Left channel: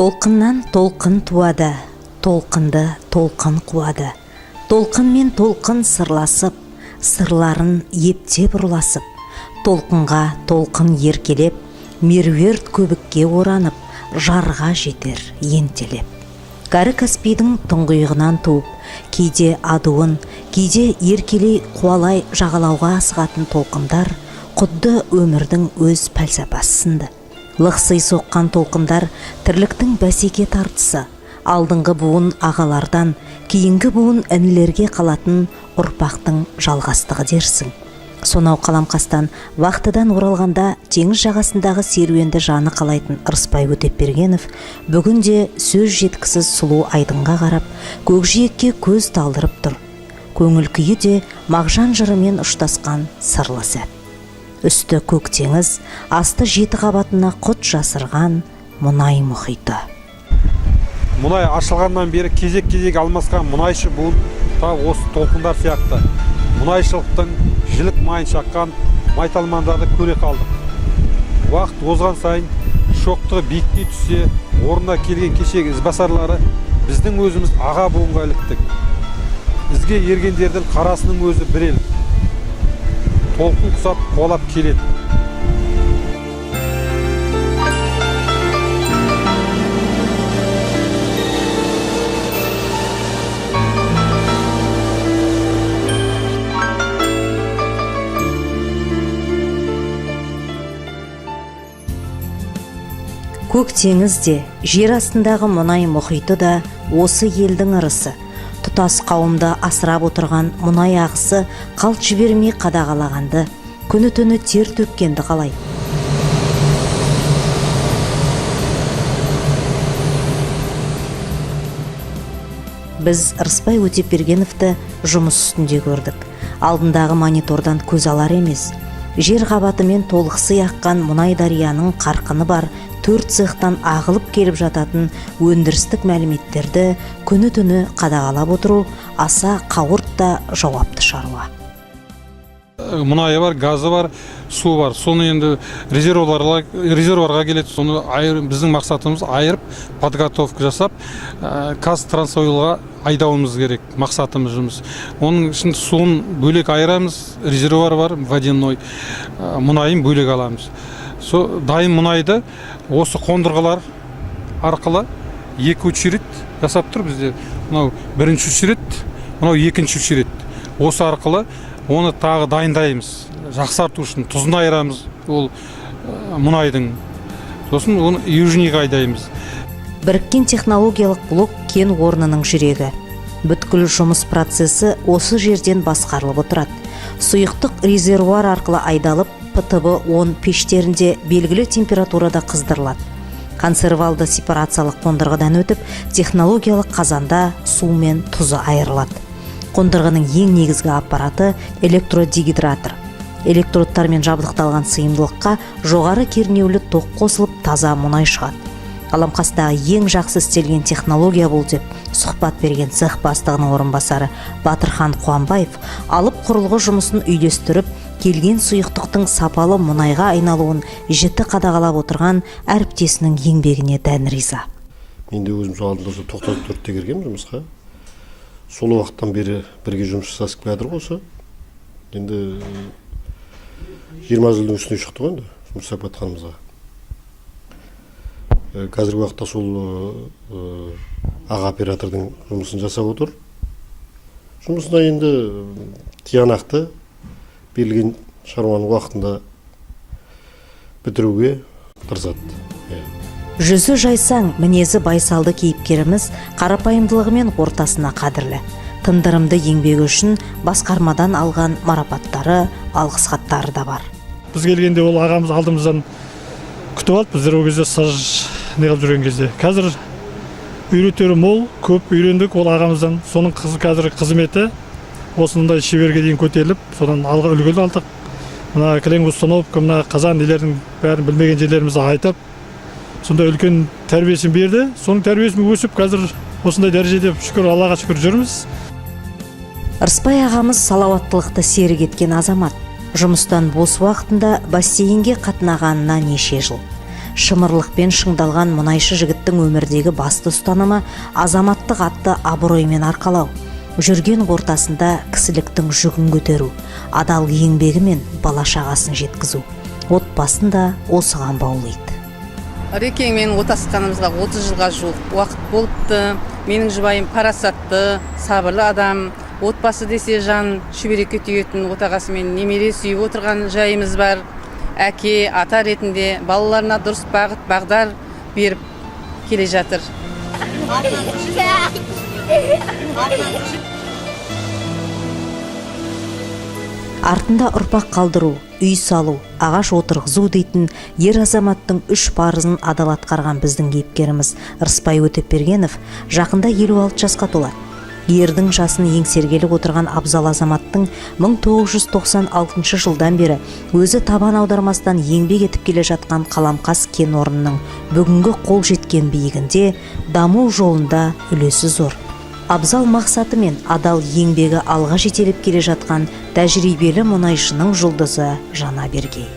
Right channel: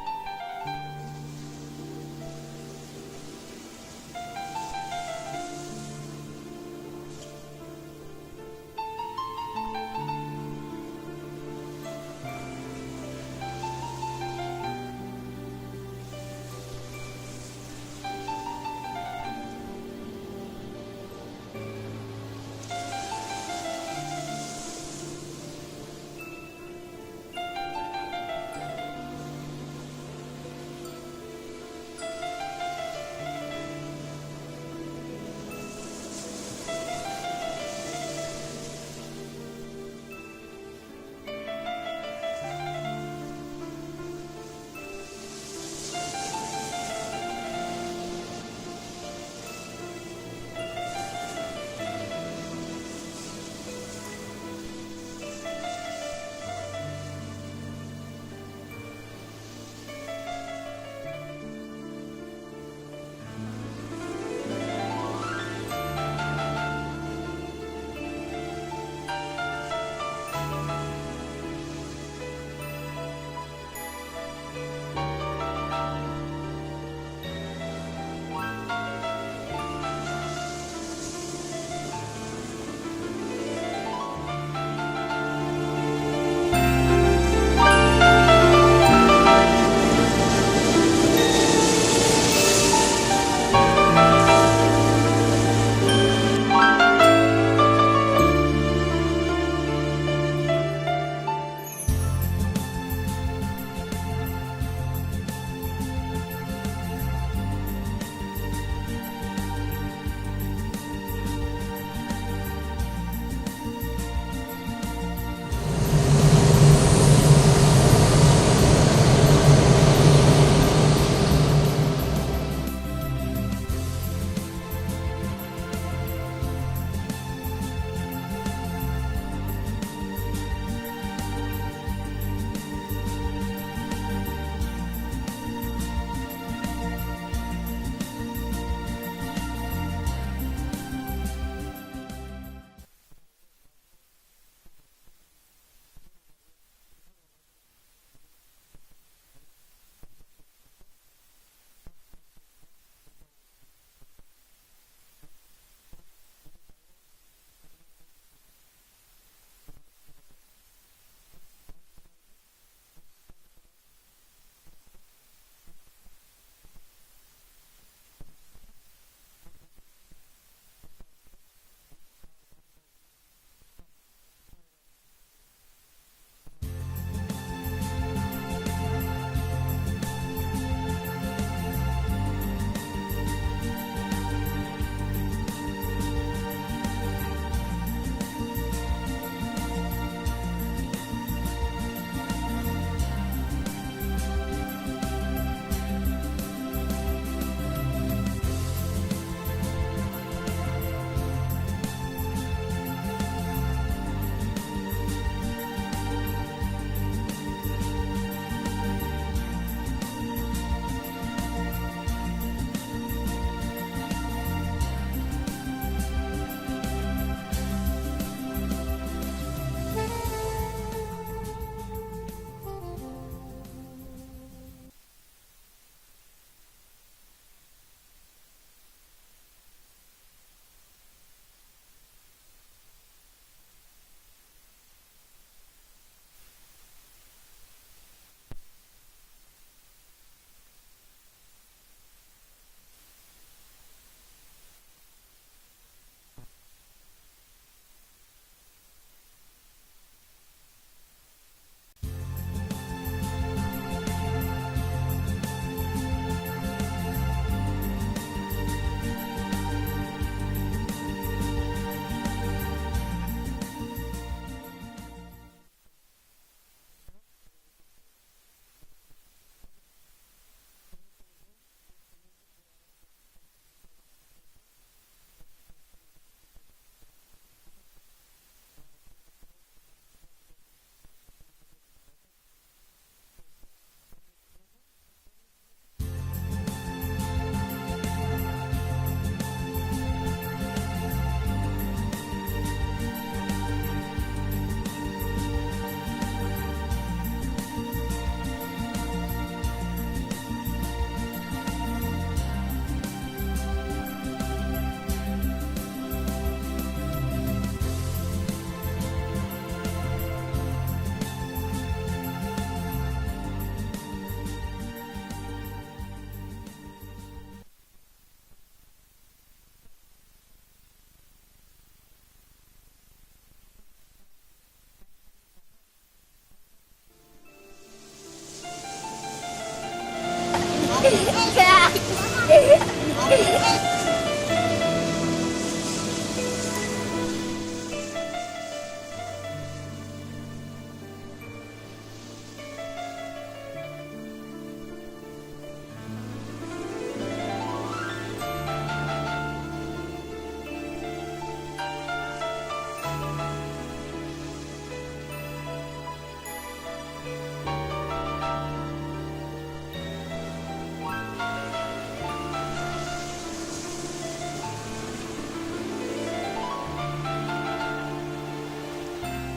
Толқыннан толқын туады, толқынды толқын қуады. Толқын мен толқын сырласып, сырларын ептеп ұрласып, толқынға толқын еркелеп, меруерт көбікке оранып, жарға жетер ентелеп. Кәрі Каспийдің тұңғиығынан туып, кейде адуын, кейде еркелей қуалай жағалауға асығатын толқындар құдды өмірдің өз пәлсапасы сынды. Лықсый соққан толқындар тірліктің бәсеке тартысы, алдыңғы буын ағалардан, кейінгі буын інілерге қалатын ұрпақтың жалғастығы дерсің. Сонау Қаламқастан вақтыдан оралғанда теңіз жағасындағы серуенді жаны қалайтын Ырысбай Өтепбергенов бүгінде сөз жеткісіз сұлу айдынға қарап, көкжиекке көз талдырып тұр. Көңіл күйі де мағжан жырымен ұштасқан сырлы сәт. Үсті көк теңіз, асты жеті қабатына құт жасырған мұнай мұхиты. Мұнай ашылғаннан бері кезек-кезек алмасқан мұнайшы буын осы толқындар сияқты. Мұнайшылықтың жілік майын шаққан майталмандарды көре қалдық. Уақыт озған сайын шоқтығы биіктей түссе, орнына келген кешегі ізбасарлары біздің өзіміз аға буынға іліктік. Бізге ергендердің қарасының өзі бір ел. Толқын құсап қуалап келеді. Көк теңіз де, жер астындағы мұнай мұхиты да осы елдің ырысы. Тұтас қауымды асырап отырған мұнай ағысы қалт жібермей қадағалағанды, күні түні тер төккенді қалай. Біз Ырысбай Өтепбергеновті жұмыс үстінде көрдік. Алдындағы монитордан көз алар емес. Жер қабатымен толықсый аққан мұнай дарияның қарқыны бар 4 цехтан ағылып келіп жататын өндірістік мәліметтерді күні түні қадағалап отыру аса қауырт та жауапты шаруа. Мұнайы бар, газы бар, су бар. Соны енді резервуарға келеді. Соны біздің мақсатымыз айырып, подготовка жасап, Қазтрансойлға айдауымыз керек. Мақсатымыз жұмыс. Оның үшін суын бөлек айырамыз, резервуар бар, водяной, мұнайын бөлек аламыз. Дайын мұнайды осы қондырғылар арқылы 2 очередь жасап тұр бізде. Мынау бірінші очередь, мынау екінші очередь. Осы арқылы оны тағы дайындаймыз. Жақсарту үшін тұзын айырамыз ол мұнайдың. Сосын оны южныйға айдаймыз. Біріккен технологиялық блок кен орнының жүрегі. Бүткіл жұмыс процесі осы жерден басқарылып отырады. Сұйықтық резервуар арқылы айдалып, ПТБ-10 пештерінде белгілі температурада қыздырылады. Консервалды сепарациялық қондырғыдан өтіп, технологиялық қазанда су мен тұзы айырылады. Қондырғының ең негізгі аппараты электродегидратор. Электродтармен жабдықталған сыйымдылыққа жоғары кернеулі тоқ қосылып таза мұнай шығады. Қаламқастағы ең жақсы істелген технология бұл деп сұхбат берген цех бастығының орынбасары Батырхан Қуанбаев алып құрылғы жұмысын үйлестіріп, келген сұйықтықтың сапалы мұнайға айналуын жіті қадағалап отырған әріптесінің еңбегіне дән риза. Мен де өзім алдында 94-те кіргенмін жұмысқа. Сол уақыттан бері бірге жұмыс жасасып келатыр осы. Енді 20 жылдың үстіне шықты ғой енді жұмыс жасап жатқанымызға. Қазіргі уақытта сол аға оператордың жұмысын жасап отыр. Жұмысына енді тиянақты берілген шаруаның уақытында бітіруге тырысады. Жүзі жайсаң, мінезі байсалды кейіпкеріміз қарапайымдылығымен ортасына қадірлі. Тындырымды еңбегі үшін басқармадан алған марапаттары, алғыс хаттары да бар. Біз келгенде ол ағамыз алдымыздан күтіп алды, біздер ол кезде стаж неғып жүрген кезде. Қазір үйретері мол, көп үйрендік ол ағамыздан. Соның қазіргі қызметі осындай шеберге дейін көтеріліп, содан алға үлгілі алдық. Мына кілең установка, мына қазан нелердің бәрін білмеген жерлерімізді айтып, сондай үлкен тәрбиесін берді. Соның тәрбиесін өсіп, қазір осындай дәрежеде шүкір Аллаға шүкір жүрміз. Ырысбай ағамыз салауаттылықты серік еткен азамат. Жұмыстан бос уақытында бассейнге қатынағанына неше жыл. Шымырлықпен шыңдалған мұнайшы жігіттің өмірдегі басты ұстанымы азаматтық атты абыроймен арқалау. Жүрген ортасында кісіліктің жүгін көтеру, адал еңбегі мен бала шағасын жеткізу. Отбасын да осыған баулайды. Рекеңмен отасқанымызға 30 жылға жуық уақыт болыпты. Менің жұбайым парасатты, сабырлы адам. Отбасы десе жан шүберекке түйетін отағасымен немере сүйіп отырған жайымыз бар. Әке, ата ретінде балаларына дұрыс бағыт бағдар беріп келе жатыр. Артында ұрпақ қалдыру, үй салу, ағаш отырғызу дейтін ер азаматтың 3 парызын адал атқарған біздің кейіпкеріміз Ырысбай Өтепбергенов жақында 56 жасқа толады. Ердің жасын еңсергелік отырған абзал азаматтың 1996 жылдан бері өзі табан аудармастан еңбек етіп келе жатқан Қаламқас кен орнының бүгінгі қол жеткен биігінде даму жолында үлесі зор. Абзал мақсаты мен адал еңбегі алға жетелеп келе жатқан тәжірибелі мұнайшының жұлдызы Жанабергей.